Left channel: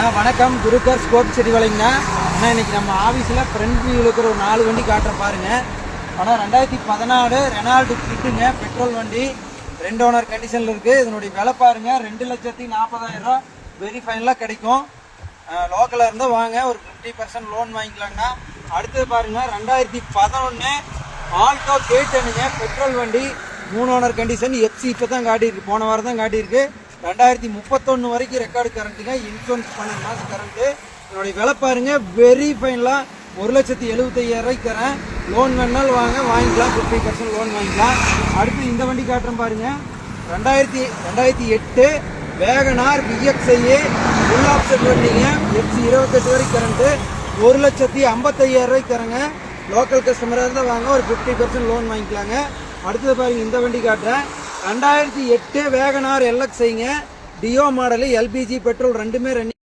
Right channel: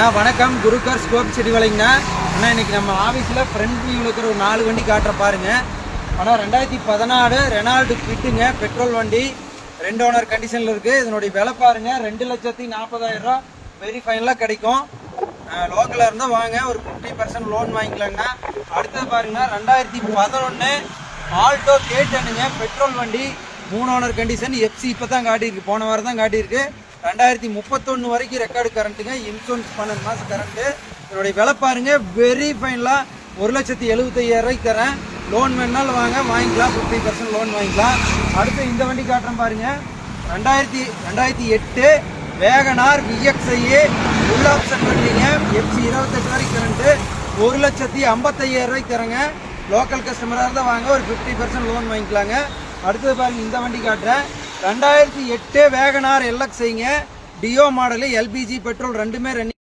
வணக்கம். குருக்கர் ஸ்கோப் செடிவலைங்கண்ணா. ஆனால் இன்னைக்கு நம்ம ஆஃபீஸில் ஃப்ரண்ட் வியூவில் இருக்கிற ஒரு 4 வண்டி காட்டுற பாருங்க. ஆனால் 2014 ரெனால்டு கிட்டுங்க, பெட்ரோல் வண்டி, 2 ஓனர் கண்டிஷனில் இருக்குது. இதனுடைய விலை பாருங்க 2,40,000 வெரி ஃபைனலாக கிடைக்கும். லோக்கலாக இருந்தால் வாங்க, ஒரு 50% லோன் வாங்கிக்கலாங்கண்ணா. அடுத்தது பாருங்க 2011 ஆல்டோ கேட்டனுங்க, பெட்ரோல் வண்டி, 3 ஓனர் கண்டிஷன், எஃப்சி இப்போ தான் காட்டியிருக்கு, போன வாரம் தான் காட்டியிருக்கு. 2031 வரைக்கும் ரெக்கார்டு கரண்ட்டுங்க, இன்சூரன்ஸ் 12 மாதம் கரண்ட்டு. என்னுடைய விலை பாருங்க வெரி ஃபைனலாக 1,75,000 தரேன். லோன் வேணாலும் வாங்க, வாங்கிக்கலாம், 50% லோன் வாங்கிக்கலாம். அடுத்து இந்த வண்டி காட்டுறேன் பாருங்க. 2008 வேகனார் VXI ஃபுல் ஆப்ஷன் வண்டிங்க, எஃப்சி 28 வரைக்கும் கரண்ட்டு, 1,55,000 தரேங்க. லோக்கல் கஸ்டமராக இருந்தால் வாங்க, ஒரு 50% லோன் வாங்கிக்கலாங்க. அடுத்தது பாருங்க இந்த வண்டி காட்டுறேன். 2008 வேகனார் LXIங்க, டியோ மாடலு, LPG பெட்ரோல் ரெண்டுமே ரன்னிங்.